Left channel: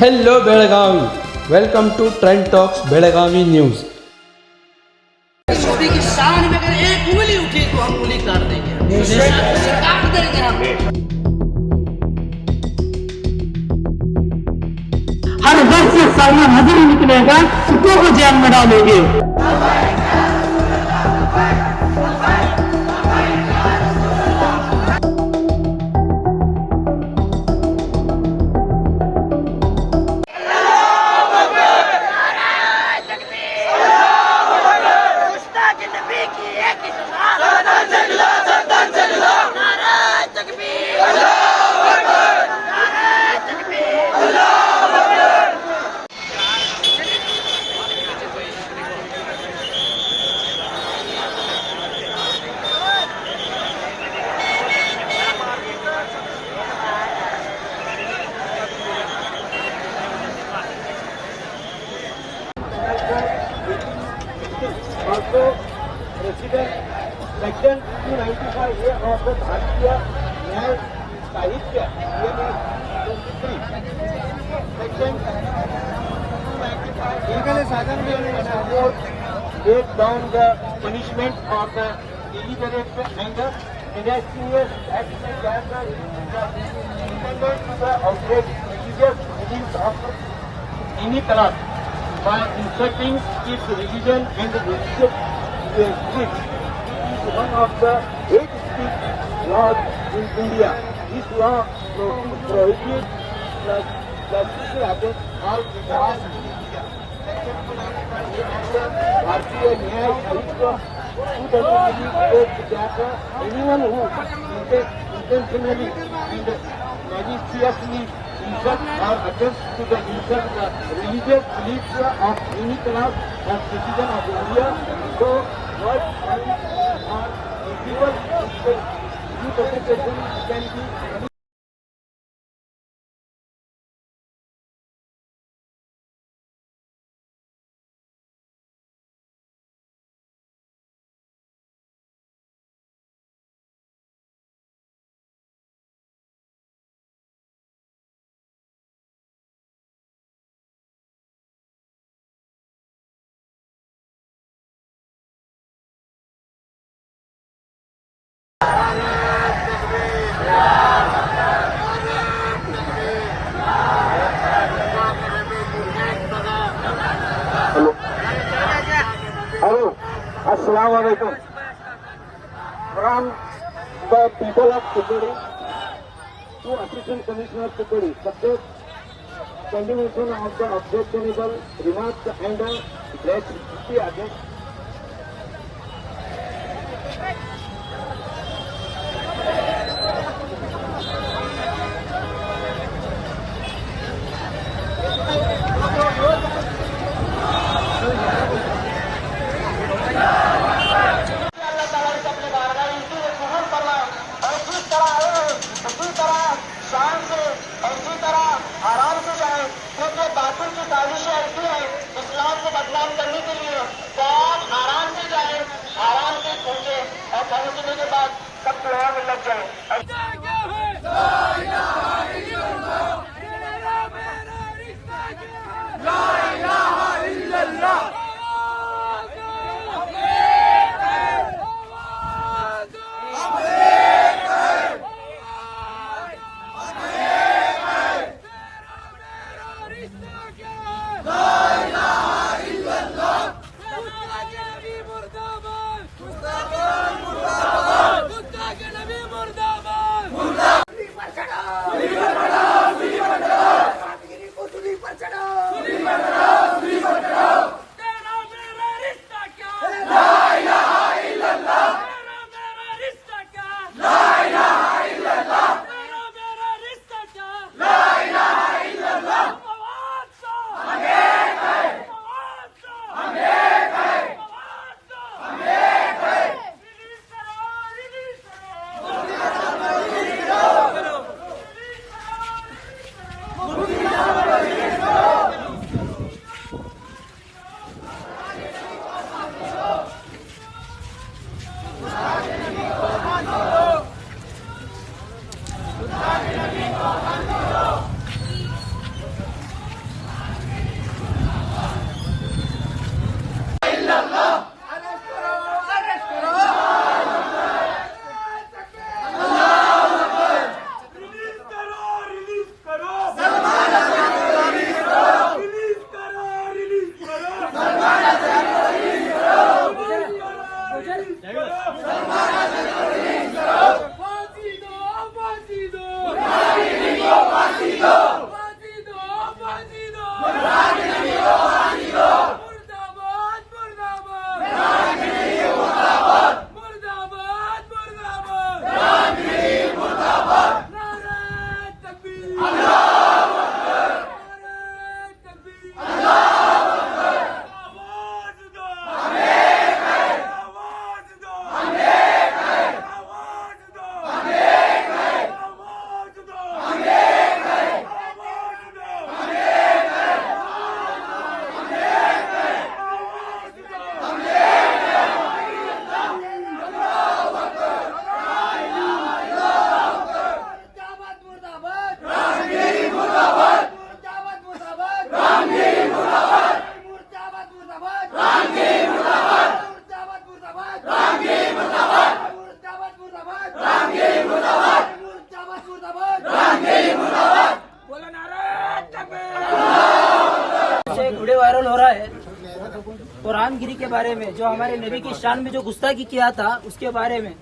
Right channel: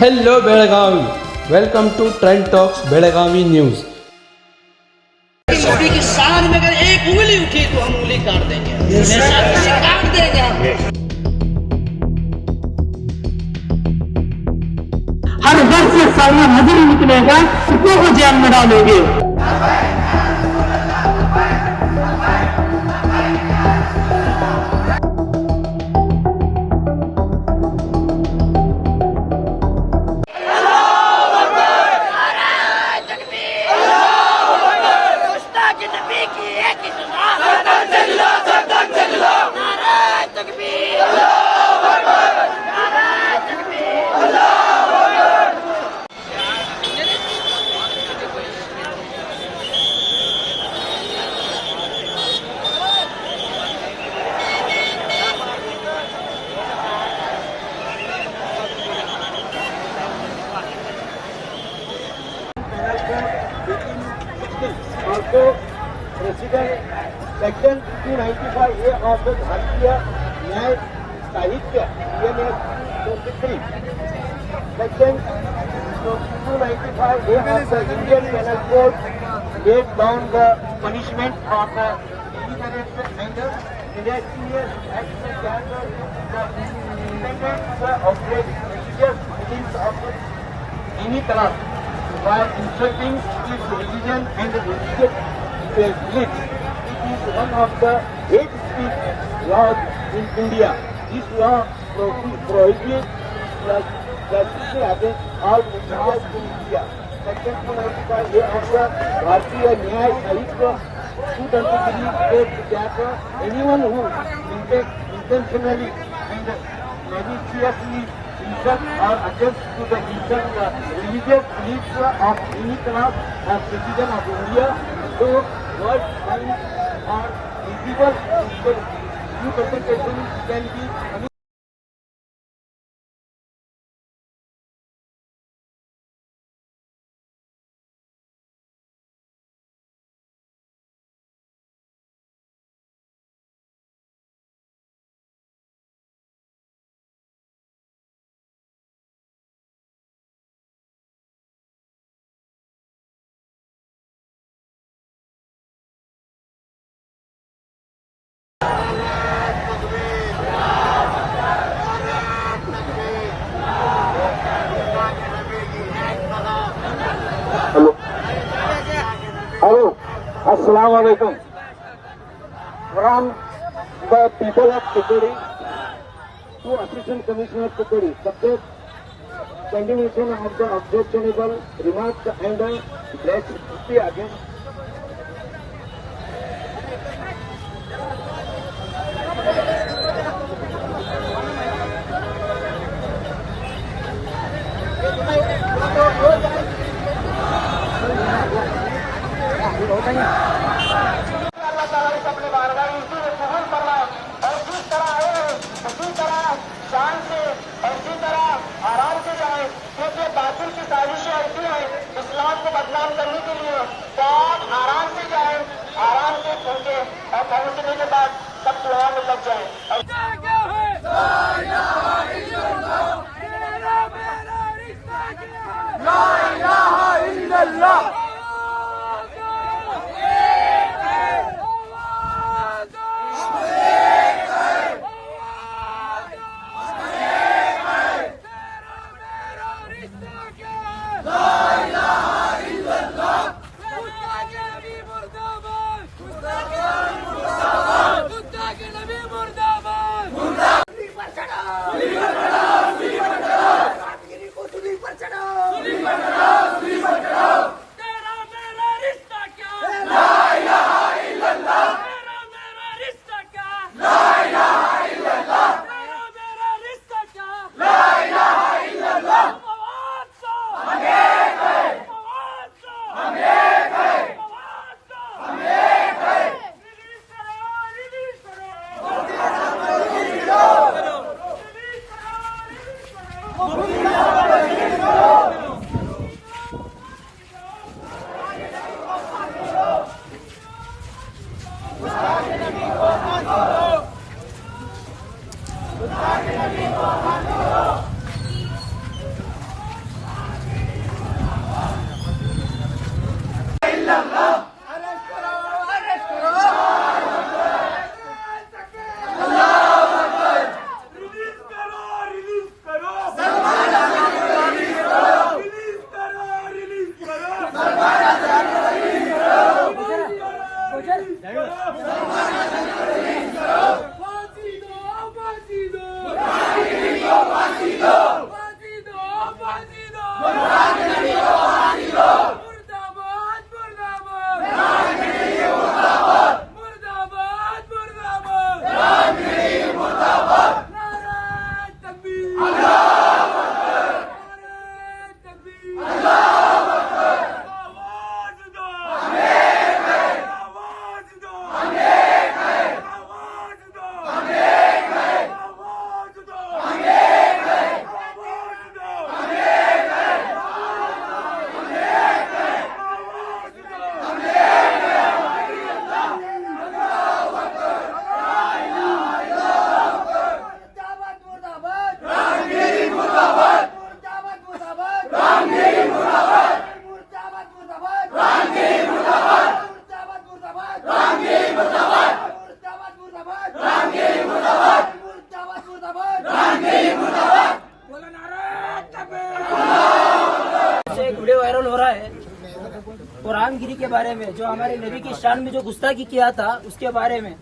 Hello Belagavi, welcome to Trend Talks Belagavi news. Modi की शान में अगर एक उंगली उठी तो हम उंगली काट देंगे, काट देंगे हम। हर घर से सालिया नजर निकलेगा, कुत्तों को जेल में डालेंगे। President section 295A of the भारतीय न्याय साहित्य ENA 23 section 295A of the Indian Penal Code laid down the punishment for the deliberate and disastrous the outrage religious beliefs of any class by insulting its religion and religious beliefs. It is one of the hate speech laws in India. This law prohibits the of laws in India. Section 295A of the Bharatiya Nyay Sahitya 223 states that anyone who intentionally and maliciously insult or attempts to the insult the religious beliefs of any class of citizen of India, so what crime or everyone can be Hello, Assalamu alaikum. From the people of Tukudi to Assistant Commissioner Tukudi, subject continuation of the objectionable remarks and the Adil. शान से और इसी तरह आराम से जाए, क्योंकि बातिल की साजिशें ऐसी है इस्लाम को बदनाम करने के लिए। तो आप आराम से जाए, आराम से पहुंचे और पहुंचने के बाद सब दुआ में लग जाए। से एक वीडियो वायरल हो रहा है कुरान गिरी के बारे में, जो हमारे नबी की शान में जो गुस्ताखी किया था उसके बारे में।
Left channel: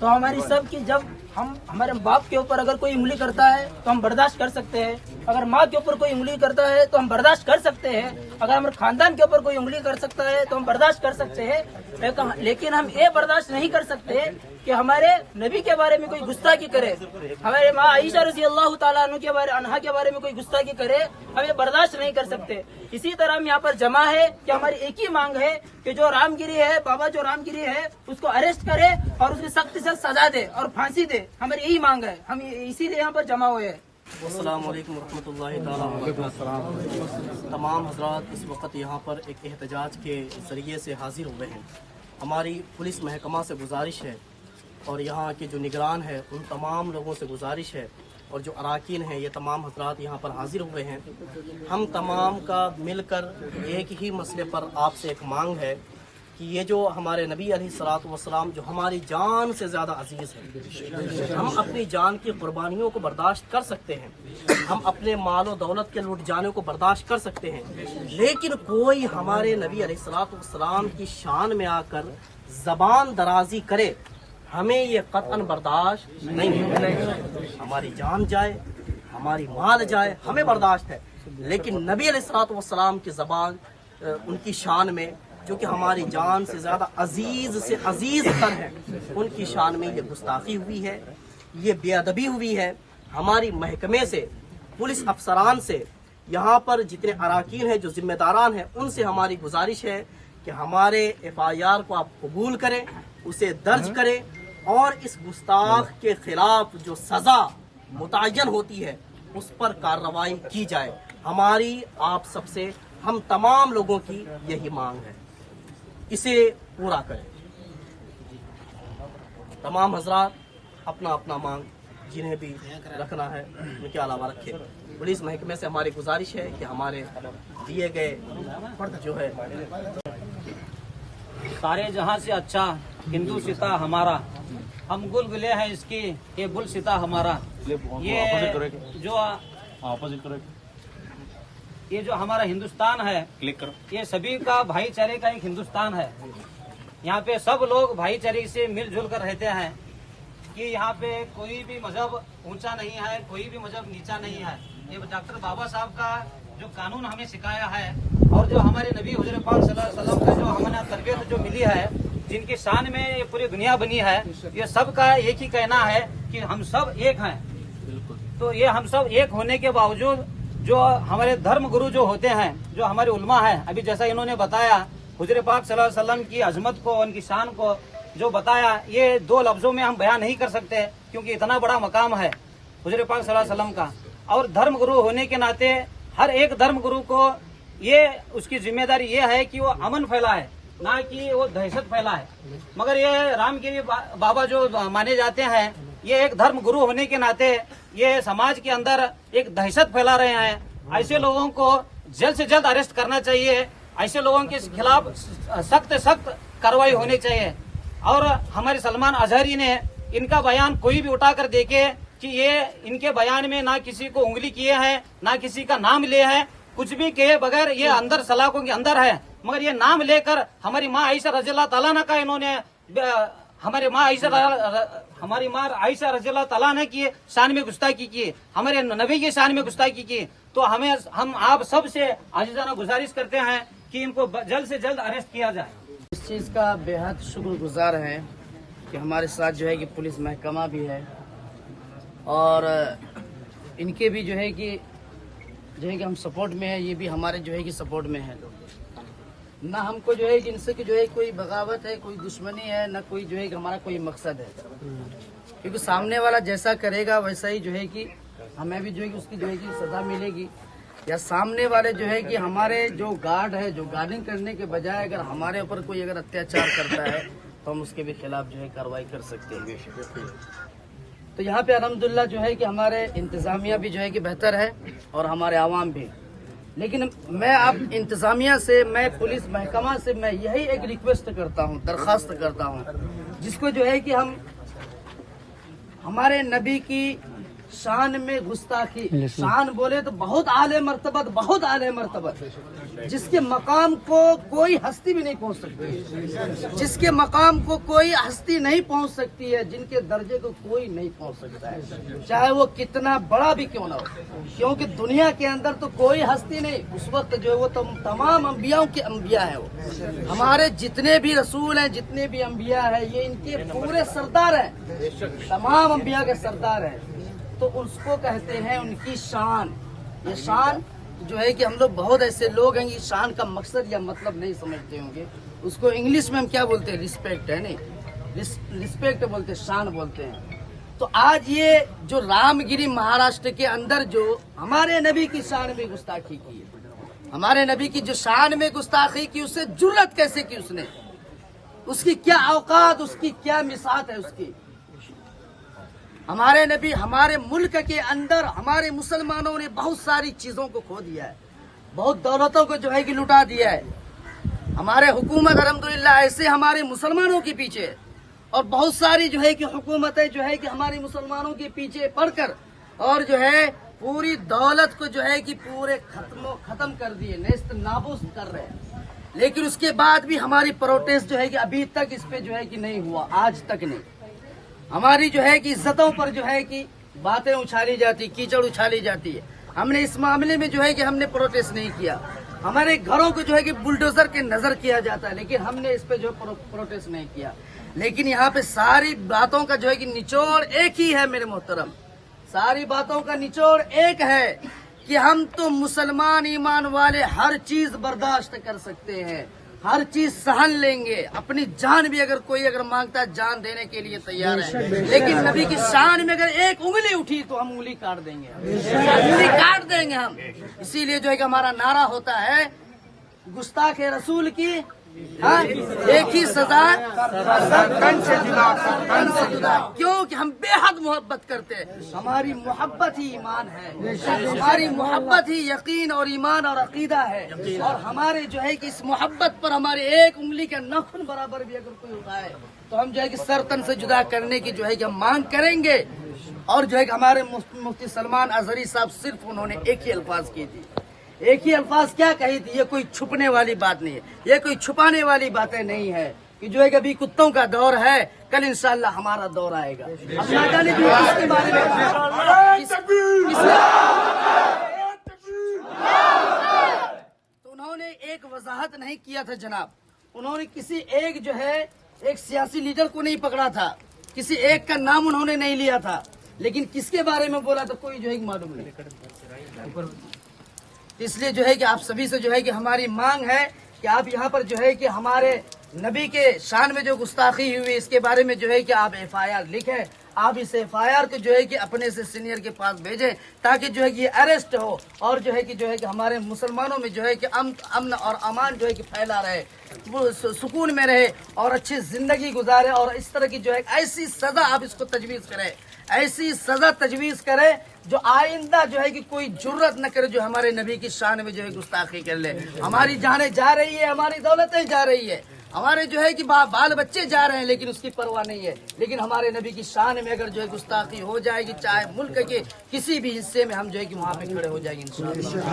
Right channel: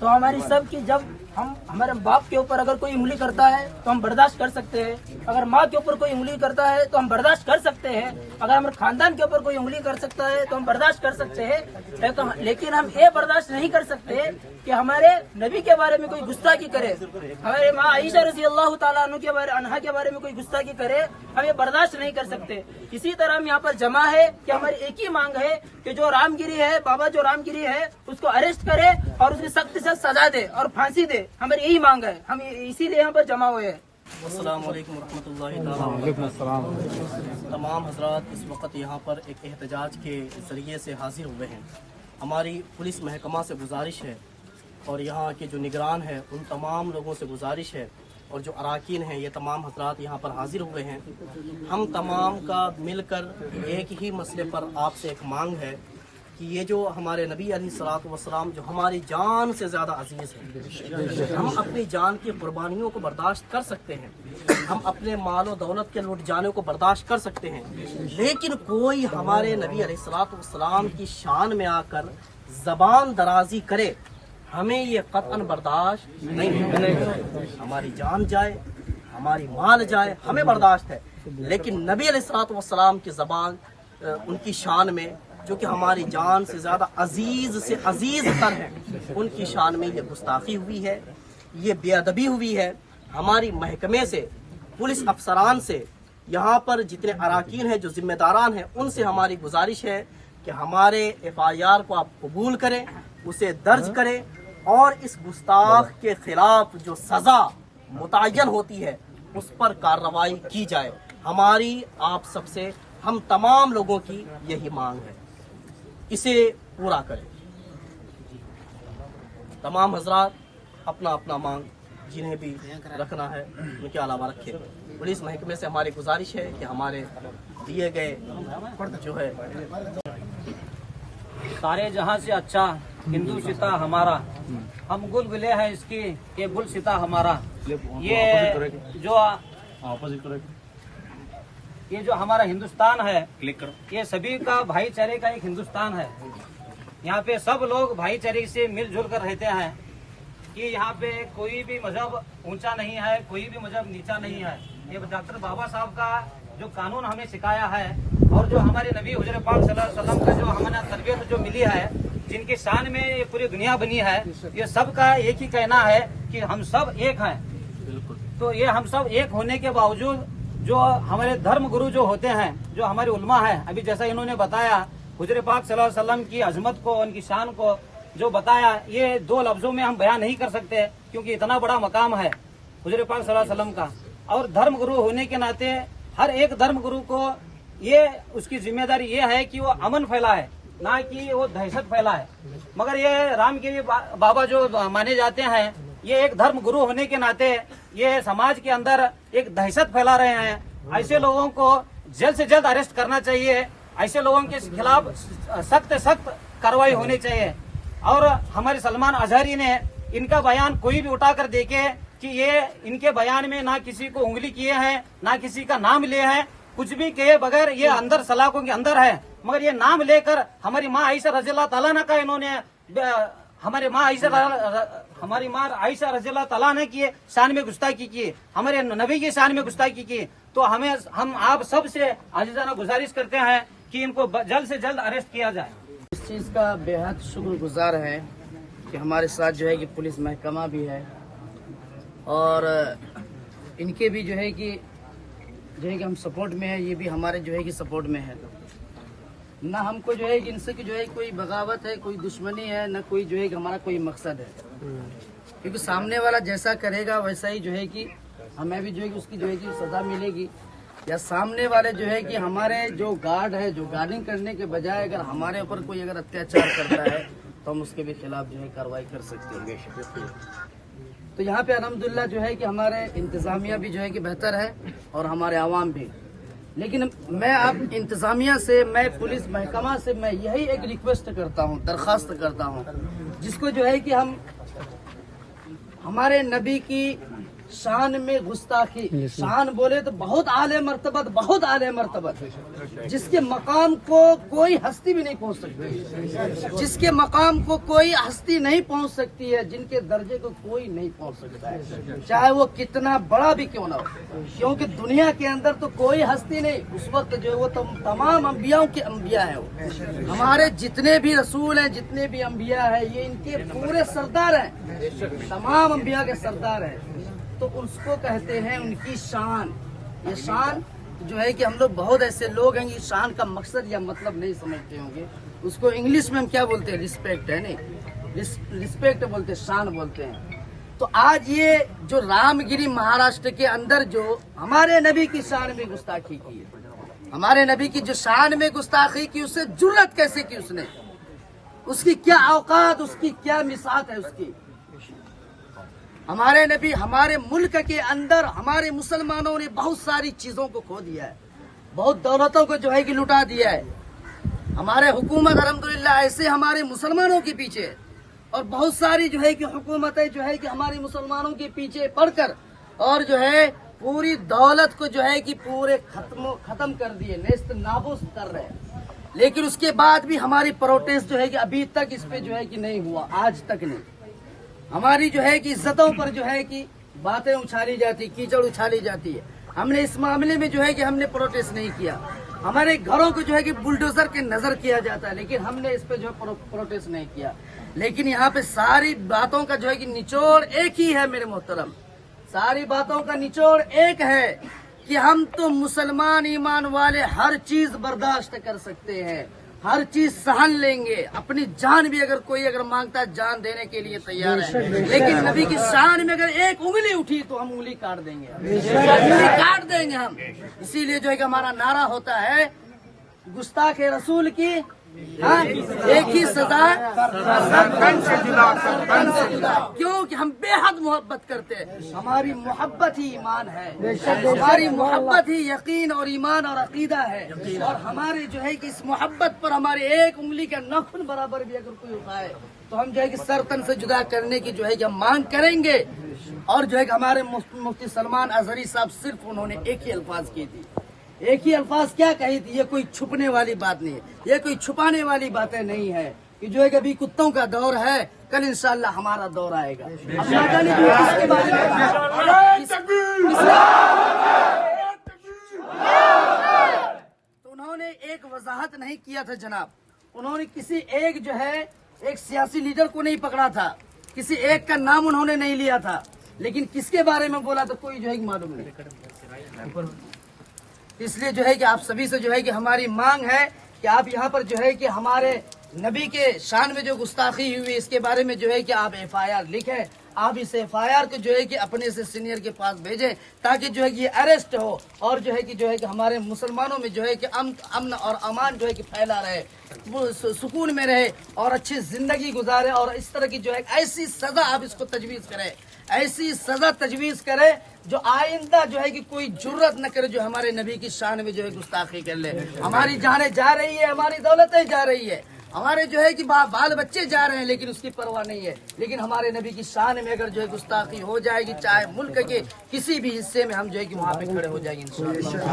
तो हमारी सब की जब हम हमारे बाप के ऊपर अगर कोई उंगली करता है तो हम बर्दाश्त कर सकते हैं, अगर माँ के ऊपर कोई उंगली करता है तो हम बर्दाश्त कर सकते हैं, अगर हमारे खानदान के ऊपर कोई उंगली कर सकता है तो हम बर्दाश्त कर सकते हैं, लेकिन हम ये बर्दाश्त नहीं कर सकते कि हमारे नबी के बारे में कोई गुस्ताखी करे, हमारे माँ आयशा रज़ी अल्लाह ताला अन्हा के बारे में कोई गुस्ताखी करे, हम ये बर्दाश्त नहीं कर सकते। इसी तरह हम यहाँ पर जमा है कि हमारी एक ही मांग है कि जो रामगिरी है, बाबा जो रामगिरी है उसको अरेस्ट करे और उसकी सख्त से सजा दे और फांसी दे, हमारी यही मांग है। हम इसीलिए यहाँ पर जमा हुए हैं। अस्सलाम वालेकुम रहमतुल्लाहि ताला व बरकातहू। तमाम हजरात इस वक्त यहाँ पर एक एहतजाज के ज़रिए से हाजिर हुए हैं। हमारी पुलिस महकमा से गुजारिश है और यहाँ के जो निगरान है उन तमाम लोगों से गुजारिश है और जो अराकीन हैं ये तमाम हजरात यहाँ पर हाजिर हुए हैं। हम तमाम का मिलकर एक ही मसले पर आपसे एक मांग है कि ये जो हमारे नबी अलैहिस्सलातु वस्सलाम जो हमारी जान से ज़्यादा अजीज़ है, हम अपनी जान की कुर्बानियों को बर्दाश्त कर सकते हैं, हम अपने माल और दौलत के लुट जाने को बर्दाश्त कर सकते हैं, लेकिन कोई हमारे नबी अलैहिस्सलातु वस्सलाम की शान में आकर ज़बान दराजी करे, हमें ये कतन बर्दाश्त नहीं होगा। हमारी जान जाए, हमारी माल जाए, हमें बर्दाश्त है, लेकिन नबी अलैहिस्सलातु वस्सलाम की ज़बान उनकी शान में जो कि हमारी जान से ज़्यादा अजीज़ से अजीज़ तर है, उनकी शान में ये गुस्ताखी हुई है, ये बेअदबी हुई है। हमारी महकमे से, पुलिस अफसरान से, यहाँ पर जितने अराकीन हैं जो जिम्मेदारान हैं उनसे हमारी गुजारिश है कि हमारे FIR को आप कबूल करें, उसे दर्ज करें और इस गुस्ताख के खिलाफ जो सज़ा मुतय्यन होती है उस पर कार्रवाई की जाए। हमारी आप सबसे, हम तमाम लोगों की यही मांग है, इसे पूरा करें। तमाम हजरात अपना अपना मांग जिन्हें भी रखना है उनके अलावा रखें। पुलिस महकमे से हमारी गुजारिश है कि हमारे दिए गए जो है सारे जहां से अच्छा हिंदू सिता हमारा, हम गुल बिले हैं इसकी, ये गुल सिता हमारा। ये जो हमारा हिंदुस्तान है, ये सभी का भाईचारे का एक हिंदुस्तान है। यहाँ पे सब लोग भाईचारे से मिलजुल कर रहते हैं कि यहाँ पे कोई भी मजहब ऊंचा नहीं है, कोई भी मजहब नीचा नहीं है। ये डॉक्टर बाबा साहब का जो कानून हमें सिखाया है और जो हमारे नबी हुजूर पाक सल्लल्लाहु अलैहि वसल्लम का जो हमें तरबियत जो मिली है, जिनकी शान में ये पूरी दुनिया बनी है, ये सबका एक ही कहना है कि हम सब एक हैं। तो ये हम सब एक होने के बावजूद जो हमारे धर्म गुरु जो होते हैं, जो हमारे उलमा है, अभी जैसा इन्होंने बताया हुजूर पाक सल्लल्लाहु अलैहि वसल्लम की अजमत को, उनकी शान को जो बताया, ये दो लफ्जों में हम बयान नहीं कर सकते क्योंकि इतना बड़ा मकाम है हुजूर पाक सल्लल्लाहु अलैहि वसल्लम का। और धर्म गुरु होने के नाते हर एक धर्म गुरु को ये उसकी जिम्मेदारी ये है कि वो अमन फैलाए, ना कि वो दहशत फैलाए। मगर ये रामगिरी बाबा जो माने जाते हैं, ये एक धर्म गुरु होने के नाते ये समाज के अंदर एक दहशत फैला रहे हैं। ऐसे लोगों को जल्द से जल्द अरेस्ट करना चाहिए, ऐसे लोगों के खिलाफ सख्त सख्त कार्रवाई होनी चाहिए। और हमारे सलमान अजहरी ने इनका बयान कोई भी उठाकर देखे कि ये इनके बयान में ना किसी को उंगली किए हैं, ना किसी का नाम लिए हैं, कुछ भी किए बगैर ये अंदर सलाखों के अंदर है। मगर ये नाम लेकर हमारी माँ आयशा रज़ियल्लाहु ताला अन्हा का इन्होंने हमारी माँ आयशा रज़ियल्लाहु ताला अन्हा की शान में गुस्ताखी की, हमारे नबी की शान में गुस्ताखी की। तो हम आप सब से आजीज़ाना गुजारिश करते हैं कि इनको जल्द से जल्द अरेस्ट किया जाए। इस चीज़ का बेहद शुक्रगुजार है कि हमारे साथ जो है कि पुलिस महकमा भी है और इनके भी जो है कि हम सपोर्ट में है, ये भी हमारे जो है कि सपोर्ट में है। ना हमको जो है कि इनसे कि जो है कोई बगावत है, कोई दुश्मनी है, ना कोई जो है कि हमारा कोई मकसद है, क्योंकि सामने वाला जैसा करेगा वैसा ही जो है कि हमें भी जो है कि उसकी जो है कि सजा मिलेगी। या सामने वाले जो है कि हमारे जो गार्ड है, जो गार्डिंग करने के बजाय अगर हमारे ऊपर कोई अगर अत्याचार करता है तो हम उसके भी खिलाफ जो है कार्रवाई कर सकते हैं। तो यहाँ पे अल्हम्दुलिल्लाह जो है कि हमारे इंतजामिया भी जो है कि बेहतर है और हमारे आवाम भी। लेकिन मैं अब इंतजामिया से, मैं पुलिस महकमा से मैं यही एक रिक्वेस्ट करता हूँ, दरख्वास्त करता हूँ, जिसको जो है कि हम हमारे नबी की शान में गुस्ताखी, शान बोले तो बहुत आले मर्तबत, बहुत आले मर्तबत, जिसके मकाम को कोई हस्ती भी नहीं पहुंच सकती, जिसके मकाम को कोई हस्ती नहीं पहुंच सकती है, जिनके दर्जे को कोई नहीं पहुंच सकता है, चाहे वो कितना बड़ा भी क्यों ना हो। क्योंकि दुनिया के अंदर तो कोई हस्ती नहीं, उस वक्त जो है वो तमाम अंबियाओं के अंबिया है। वो हमारे जितने भी रसूल हैं, जितने भी अंबिया है, ये इनके पूरे सरदार हैं, तमाम अंबिया के सरदार हैं। तो उसको कहते हैं उनकी शान। ये शान जो है कि हम लोग बहुत ऐसे लोग हैं कि शान का मकसद या मतलब नहीं समझते होंगे। उसको इंग्लिश में हम क्या बोलते हैं? रिस्पेक्ट है, नहीं रिस्पेक्ट बोलते, शान बोलते हैं। तो आज ये जो रामगिरी महाराष्ट्र के अंदर जो हमारे नबी की शान में गुस्ताखी की है, हमारे नबी की जो शान में गुस्ताखी की, उससे जुर्रत कैसे की उसने, उसकी क्या औकात, उसकी क्या मिसात है उसकी। हमारे नबी हमारे मुल्क के अंदर हमारे मुसलमानों ने बहुत सारी चीजों को खो दिया है, बहुत दौलतों को जो है कि लुटा दिया है। हमारे हुकूमत अल्हम्दुलिल्लाह ऐसे हमारे मुसलमानों के पीछे, और बहुत सारी जो है कि हुकूमतें जो है कि हमारे मुसलमानों के पीछे पड़कर और जो है पूरी दौलत को जो है कि पूरे खत्म कर दिए, नेस्त नाबूद कर रहे हैं। लेकिन उसके बाद भी हमारी प्रोटेस्ट जो है कि अभी तक इस पे जो है कि नहीं हुआ, आज तक नहीं। हमारी जो है कि इज्जतों पर जो है कि बातें उछाली जाती, कीचड़ उछाली जाती है। हमने इस मामले में जो है कि हमने प्रोटेस्ट नहीं किया। हमारे घरों को जो है कि बुलडोजर के नजर किया जाता है, लेकिन हमने इस पे जो है प्रोटेस्ट नहीं किया। लेकिन यहाँ पे सारी बातों का जो है कि निचोड़ एक ही है मेरे मोहतरम, सारी बातों का निचोड़ एक है कि हम तो मुसलमान ईमान वाले हर चीज बर्दाश्त कर सकते हैं, हर चीज सहन लेंगे, अपनी जान भी अगर मांगता है जान देने के लिए तैयार है। लेकिन नबी की शान में अगर एक उंगली उठी तो हम उंगली काट देंगे, उंगली काट देंगे हम। इसीलिए जो है कि हमारा नारा होता है गुस्ताख रसूल की एक ही सजा, कन से जुदा। क्योंकि हम बेहद मोहब्बत करते हैं, हमारी मोहब्बत ही ईमान है, हमारी मोहब्बत ही यकीन और ईमान और अकीदा है। और हमारे जो है कि इस मोहब्बत पर हमारी एक उंगली का नाखून बराबर भी अगर कोई उठाए तो हम जो है कि सर तन से जुदा करने की जो है कि हम मांग करेंगे। और जो है कि हमारे मुफ्ती सलमान अजहरी साहब सिर्फ उन्होंने एक ही अल्फाज की थी, एक ही अल्फाज क्या कही थी, ये कोई छुपने वाली बात नहीं है, ये कोई छुपाने वाली बातें नहीं है कि जो है कभी कुत्तों का दौर है, कल इंशाल्लाह हमारा दौर आएगा। अब ना जाने भी किसके बारे में तो उन्होंने एक वजाहत नहीं किया था जनाब, उन्होंने किसी एक जो है एक सियासी लीडर को नहीं पकड़ा था, किसी एक का नाम उन्होंने नहीं लिया था, लेकिन किसके बारे में बोला तो कोई जो है मालूम नहीं। इसलिए जो है कि आप सभी से जो है कि हमारी मांग है कि आप यहाँ पर जो है कि हमारे नबी के शान में जो गुस्ताखी हुई इसके बारे में जो है कि आप FIR लिखें। आप इस FIR को जो है कि अपने से सीनियर के पास भेजें ताकि जो है कि ये अरेस्ट हो और जो है कि हमारे मुसलमानों में जो है कि अमन और अमान जो है कि फैला रहे, वो सुकून में रहे और अच्छी जिंदगी गुजारे। और इस तरह की जो है ऐसी सजा आप इसको तजवीज करें, ऐसी सजा तजवीज करे जो आइंदा जो है कि कोई जुर्रत न करे जो हमारे नबी की शान में जो है गुस्ताखी कर ले। हमारी जानें जा रही है, हमारी दौलतें जा रही है, हमारे जो है कि बाल बच्चे जा रहे हैं, लेकिन उसकी परवाह नहीं है। लेकिन हमारे नबी की शान में अगर जो है गुस्ताखी हो जाएगी, चाहे मुल्क के किसी भी हिस्से में, हम जो है कि वहाँ पे खड़े हो जाएंगे इंशाअल्लाह।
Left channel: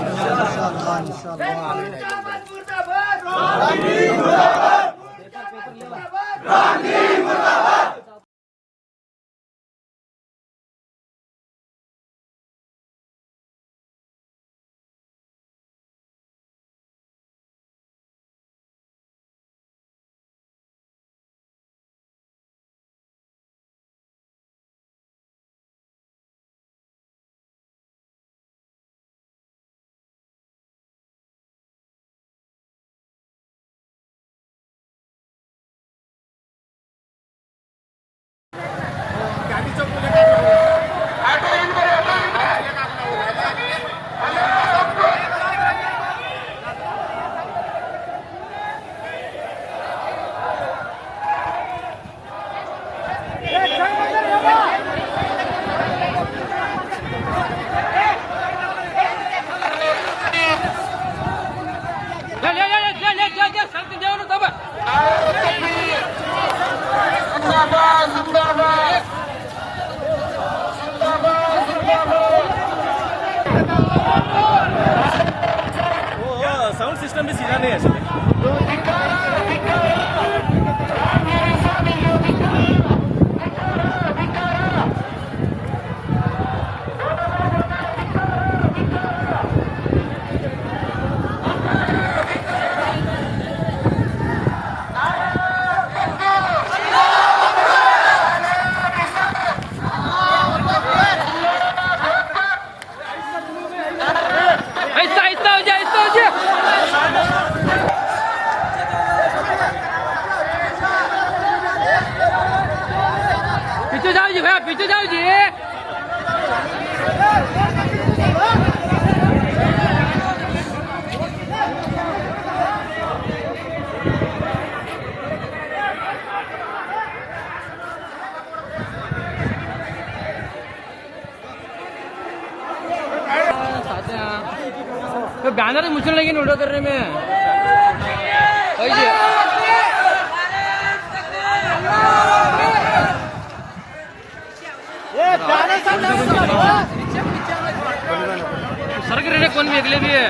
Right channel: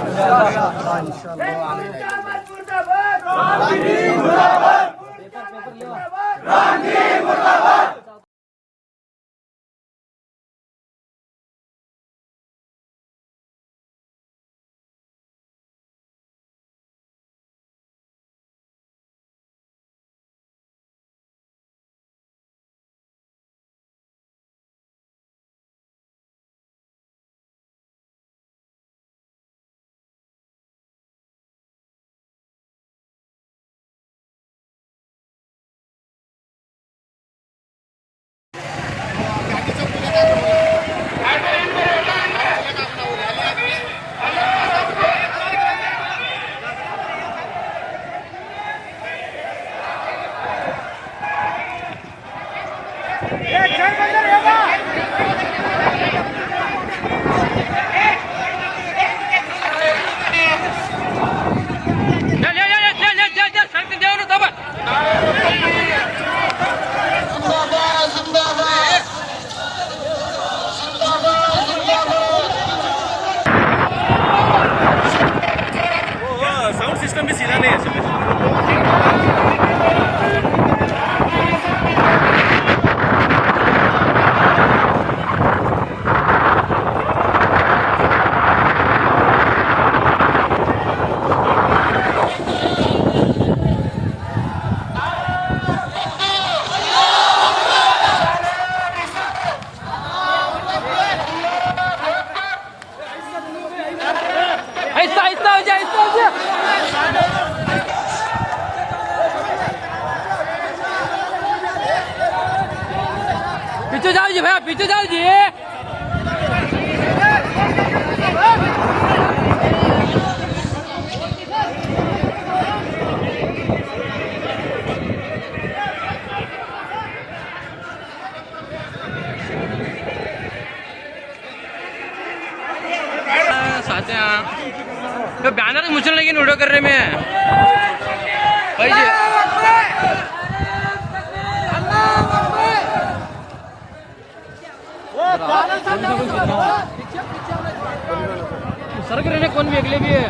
सिस्टम भी सीधा नहीं है सर। पीछे जाओ जी भैया, पीछे जाओ जी। बैनर मुझे लगी वीडियो करने में। सड़क रहने कौन भी अगले भी है।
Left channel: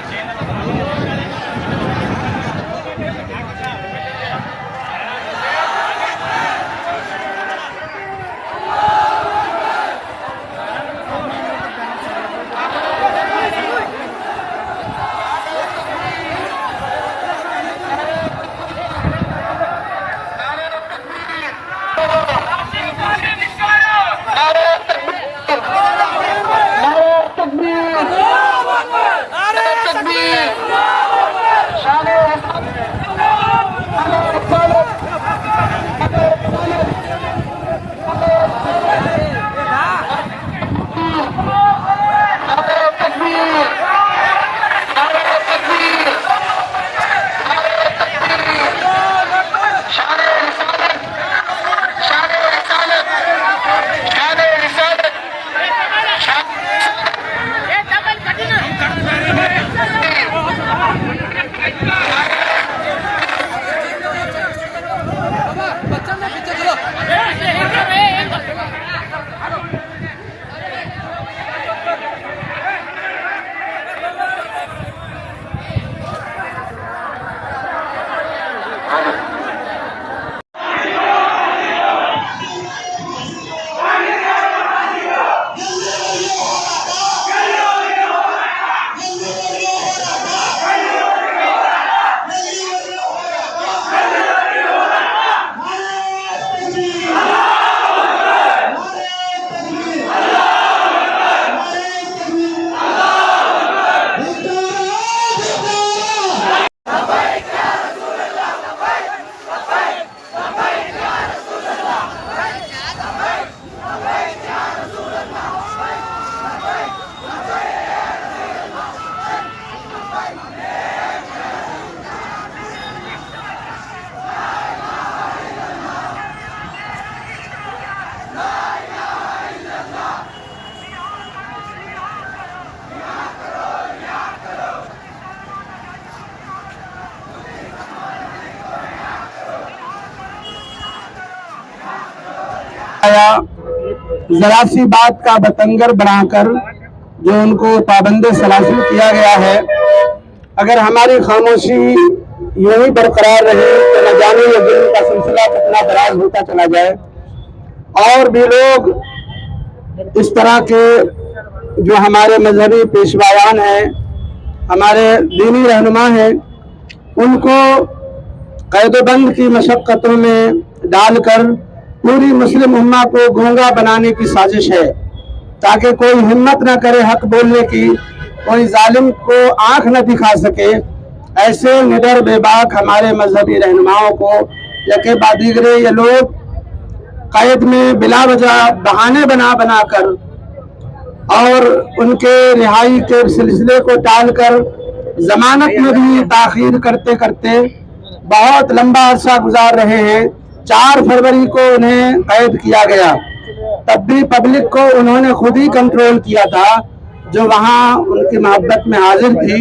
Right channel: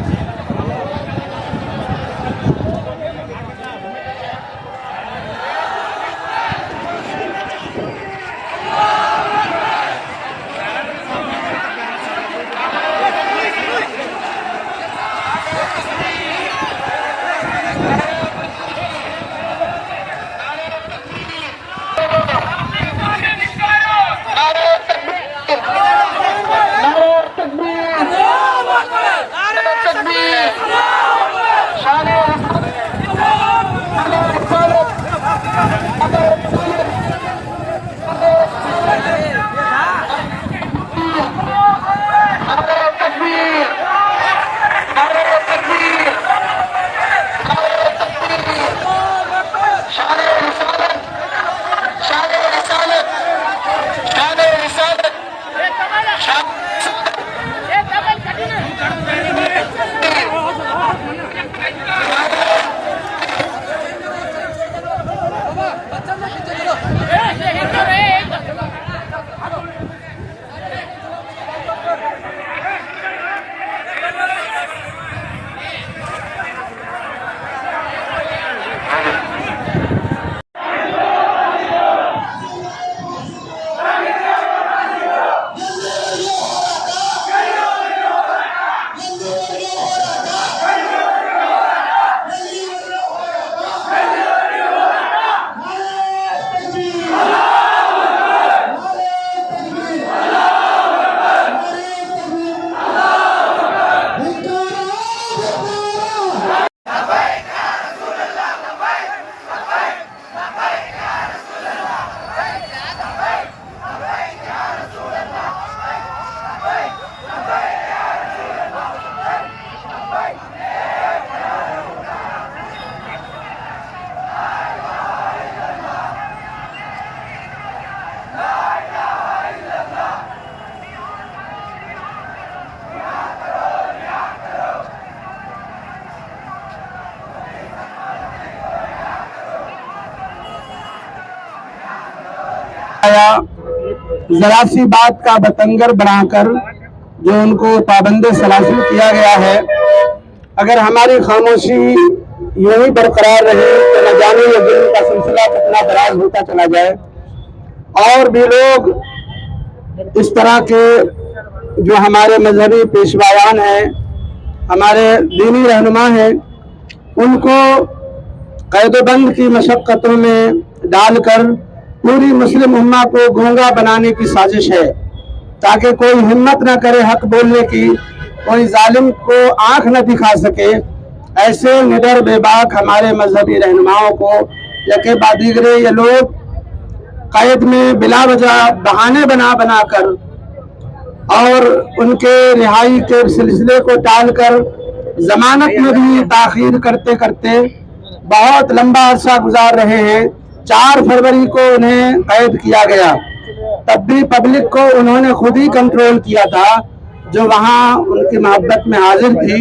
जरा सी बात का बतंगर बनाकर जो उनको पाबंद सलासिल किया गया है, अगर हमारी खामोशी यूं ही बरकरार रहे तो न जाने ये जुल्म का सिलसिला कितना दराज होता चला जाए। और भी लोग इस तरह के जो हमारे मजहबी पेशवायान हैं, हमारे दीनी रहनुमा हैं, उनको कैदबंद की मशक्क़तों में डालकर पूरी मुस्लिम उम्मा को गूंगा बनाने की साजिश है, ताकि कोई हिम्मत न करे हक बोलने की, कोई जालिम को आंख न दिखा सके। ऐसे निडर बेबाक हमारे मजहबी रहनुमाओं को यके बादीगरे ये लोग कैद में बिला वजह बहाने बना बना कर और उनके रिहाई के सिलसिले को टालकर जमानत में भी ताखीर करते करते बहुत लंबा अरसा गुजार रहे हैं। 4 फरवरी को उन्हें कैद किया गया, तब भी पब्लिक को उन्होंने खुद ही कंट्रोल किया था, जो वहाँ उनकी मोहब्बत में हाजिर थी।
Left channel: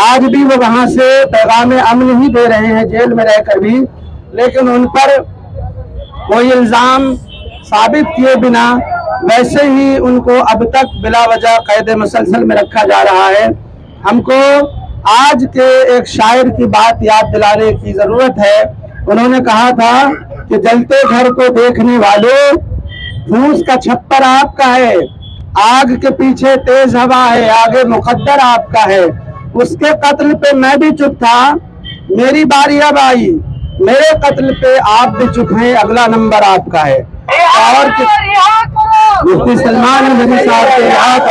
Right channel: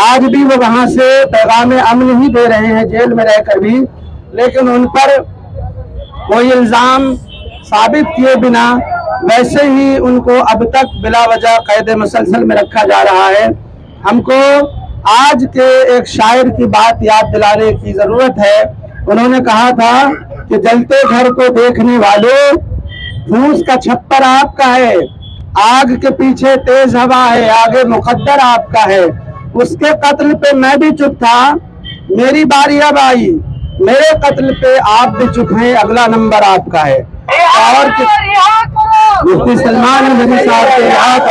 आज भी वो वहाँ से पैगाम अमन ही दे रहे हैं जेल में रहकर भी, लेकिन उन पर कोई इल्ज़ाम साबित किए बिना वैसे ही उनको अब तक बिला वजह कैद मसलसल में रखा जा रहा है। हमको आज के एक शायर की बात याद दिलाने की जरूरत है। उन्होंने कहा था कि जलते घर को देखने वालों, फूस का छप्पर आपका है, आग के पीछे तेज हवा है, आगे मुकद्दर आपका है। उसके कत्ल पे मैं भी चुप था, मेरी बारी अब आई, मेरे कत्ल पे आप भी चुप हैं, अगला नंबर आपका है। और मुफ्ती सलमान नजरी साहब के याद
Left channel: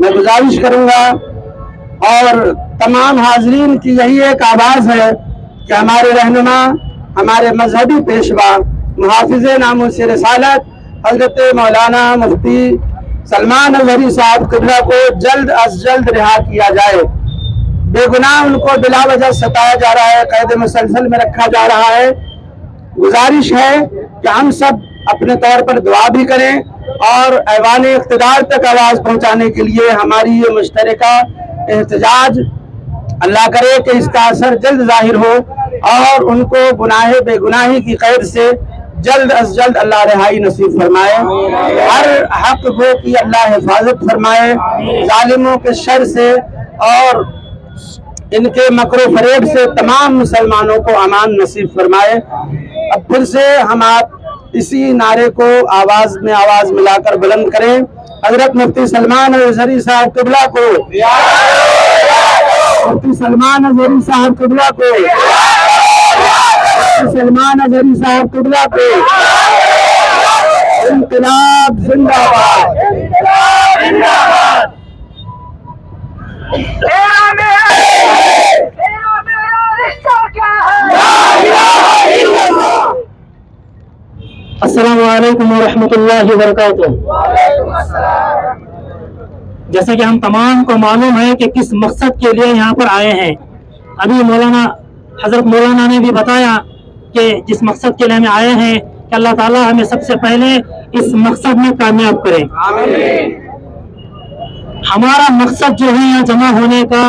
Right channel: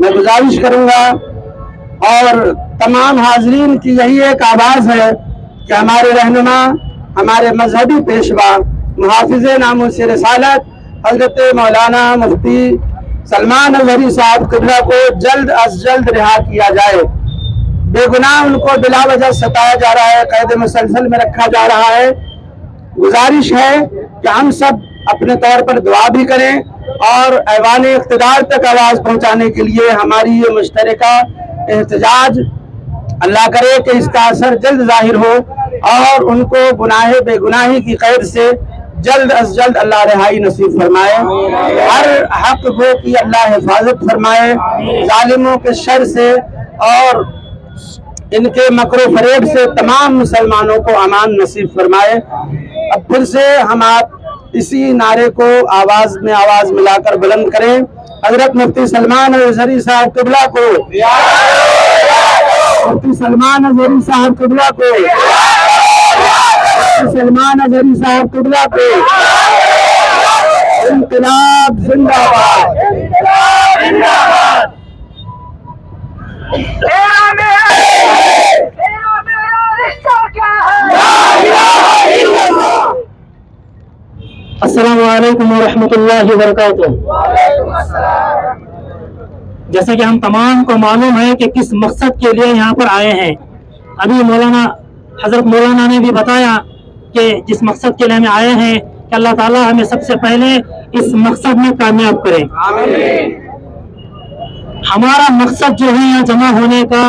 मैं गुजारिश करूंगा और तमाम हाजरीन की यही एक आवाज है कि हमारे रहनुमा, हमारे मजहबी पेशवा, मुहाफिज़े नामूस रिसालत हजरत मौलाना मुफ्ती सलमान नजरी साहब किबला को जल्द अज जल्द रिहा किया जाए। बेगुनाह उनको बिला वजह सताया जा रहा है, कैद मुसलसल में रखा जा रहा है। गुजारिश है कि हम सब अपने तौर पर दुआ भी करें और ऐवान इक़्तिदार तक आवाज़ पहुंचाने के लिए हमारी ये मुश्तरका एहतजाज, अल्लाह करे कि इसका असर जल्द जाहिर हो और उनको गुनाहे बेगुनाही की कैद से जल्द अज जल्द अल्लाह रिहाई नसीब फरमाए। हर हक गो की अल्लाह हिफाजत फरमाए, जालिमों के शर से और इनके मकरो फरेब से तमाम मुसलमानों को अमान नसीब फरमाए। अब फिर से हम आप इसी नारे को आवाज में आवाज मिलाकर बुलंद करें। हजरत मुफ्ती सलमान नजरी साहब किबला को, मुफ्ती सलमान नजरी साहब किबला को, मुफ्ती सलमान नजरी साहब किबला को। इंक़िलाब जिंदाबाद, जिंदाबाद। अस्सलामु अलैकुम व रहमतुल्लाहि व बरकातुहू। जैसा कि हम तमाम को मालूम है कि किस मकसद के लिए यहाँ पर आए हैं। अभी हजरत मौलाना ने भी बताया कि जिस मकसद के लिए हमें आए हैं कि अल्लाह ताला हमें सबसे पहले इस मकसद में कामयाब करे। हमारा मकसद जो है यहाँ जमा होने का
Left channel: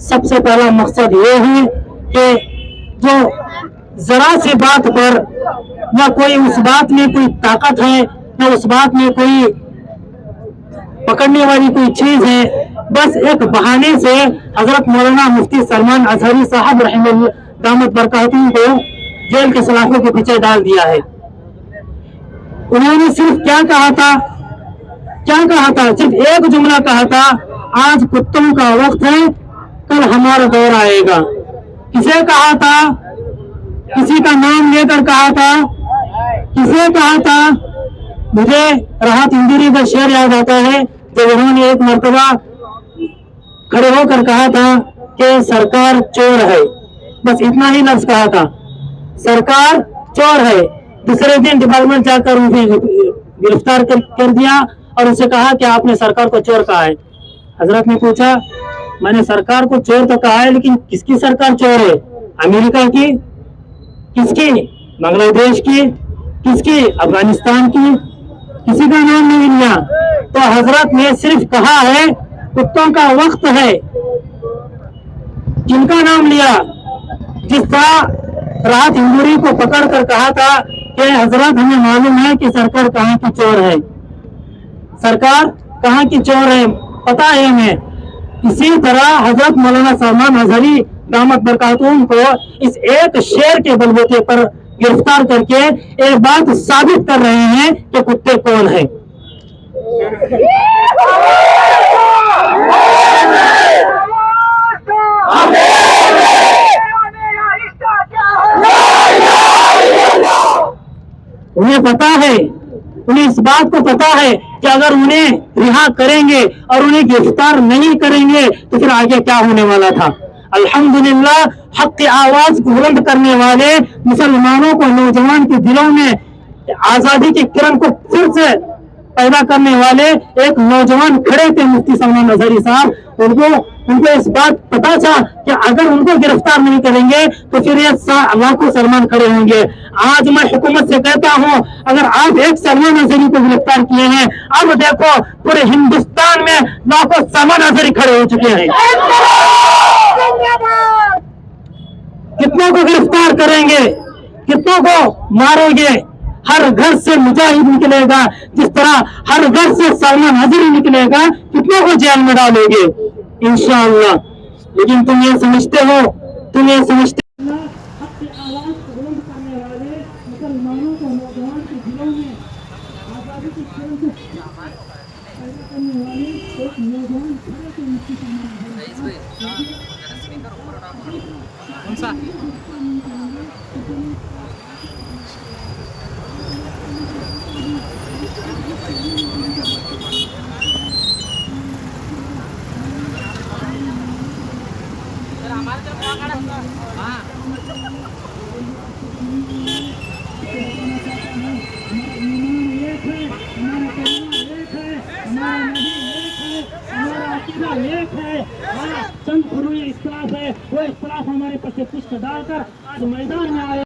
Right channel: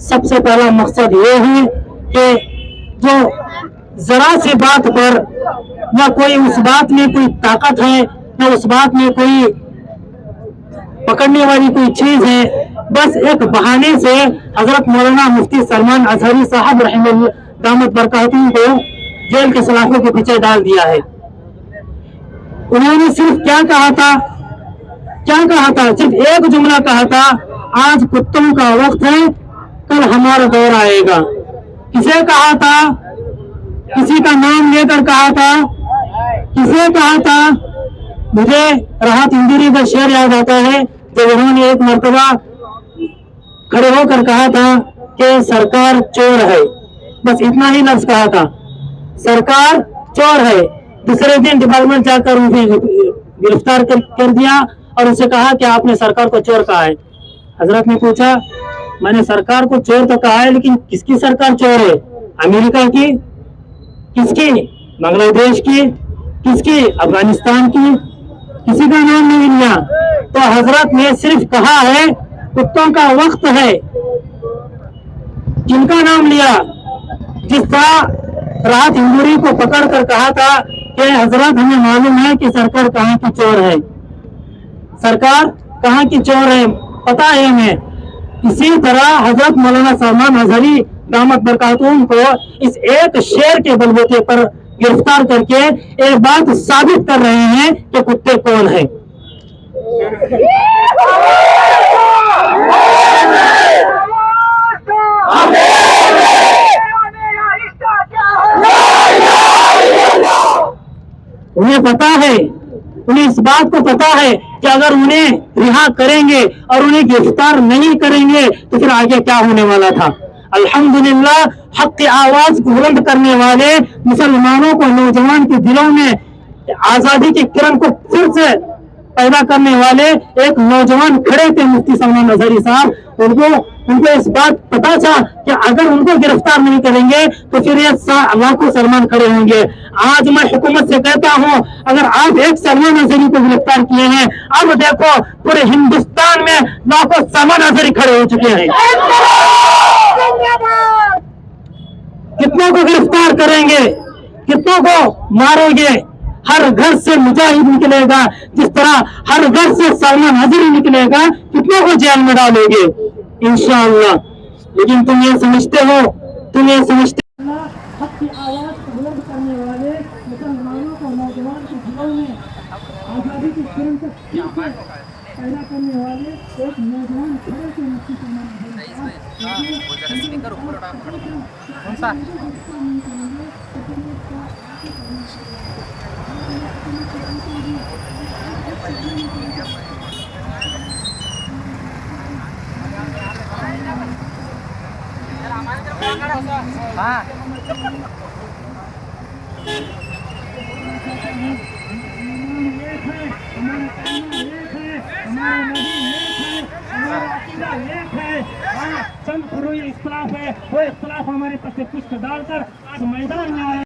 सबसे पहला मकसद ये है कि जो जरा सी बात पर न कोई उस बात में कोई ताकत है, न उस बात में कोई पकड़ने वाली कोई चीज है, बस एक बहाने से हजरत मौलाना मुफ्ती सलमान अजहरी साहब रहमतुल्लाह दामत बरकातुहू को जेल के सलाखों के पीछे डाल दिया है। उन्होंने सिर्फ क्या कहा था, सिर्फ एक जुमला कहा था, आज कुत्तों का वक्त है, कल हमारा दौर आएगा। किसे कहा था? किसी का नाम लेकर कहा था? किसे कहा था? मुझे राहत इंदिरी का शेर याद आता है जब उन्होंने एक मर्तबा खड़े होकर कहा था कि सरकार चोर है। बस इतना ही लफ्ज कहा था, सरकार चोर है। दूसरे दिन डिपार्टमेंट जाकर उन्हें गिरफ्तार कर दिया और उनसे कहा कि आपने सरकार को चोर कहा है। हजरत ने पूछा, मैंने सरकार को चोर तो कहा है, लेकिन किसकी सरकार चोर है? अमेरिका की? किसकी? बांग्लादेश की? किसकी? अफगानिस्तान की? किसी का नाम नहीं लिया। तो हजरत ने सिर्फ कहा है कुत्तों का वक्त है। जिनका नाम लिया, जिस तरह राहत इंदुरी को पकड़ कर कहा था कि हजरत हमें मालूम है कि सरकार कहाँ की चोर है, सरकार कहाँ की चोर है, पता है हमें। इसी तरह हजरत मौलाना सलमान अजहरी दामत बरकातुहू को इस एक शेर के बलबूते पर गिरफ्तार करके एक बात साबित कर रहे हैं कि कुत्ते कौन है। उन्हें पता है, उन्हें इस बात को पता है कि अगर उन्हें रिहा करेंगे और उन्हें गिरफ्तार नहीं करेंगे तो फिर आगे क्या होने वाला था। अल्हम्दुलिल्लाह हक की आवाज को बुलंद करने वाले मुसलमानों को, नौजवान के दिलों में आजादी की किरण को फिर से पैदा करने वाले एक नौजवान खड़े थे मुफ्ती सलमान अजहरी साहब। उनको इस बात पता था कि अगर उनको गिरफ्तार नहीं करेंगे तो फिर ये लाखों सलमान खड़े होंगे। आज मैं हुकूमत से कहता हूँ, अगर आप एक सलमान अजहरी को गिरफ्तार किए हैं, अब देखो पूरे हिंदुस्तान में लाखों सलमान अजहरी खड़े हो चुके हैं। कितनों को गिरफ्तार करेंगे, कितनों को मारोगे? हर घर से मुजाहिद निकलेगा, जिस तरह हर घर से सलमान हजरी निकलेगा, कितनों को जेल में डालेंगे इंशाअल्लाह। लेकिन तुम ये समझते हो, तुम ये समझते हक की आवाज को बुलंद करने वाले मुसलमानों को नौजवान के दिलों में आजादी की किरण को फिर से पैदा करने वाले एक नौजवान खड़े के मुक्ति कौन सा हाँ चंद फुरूई इख्तलाफ है, वो इख्तलाफ हमारे पर से पुष्ट डालकर आज मैदान में आए।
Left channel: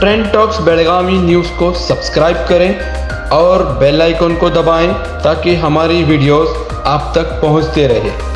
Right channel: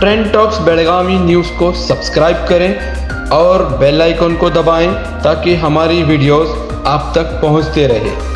ट्रेंड टॉक्स बेलगामी न्यूज़ को सब्सक्राइब करें और बेल आइकन को दबाएं ताकि हमारी वीडियोस आप तक पहुंचते रहे।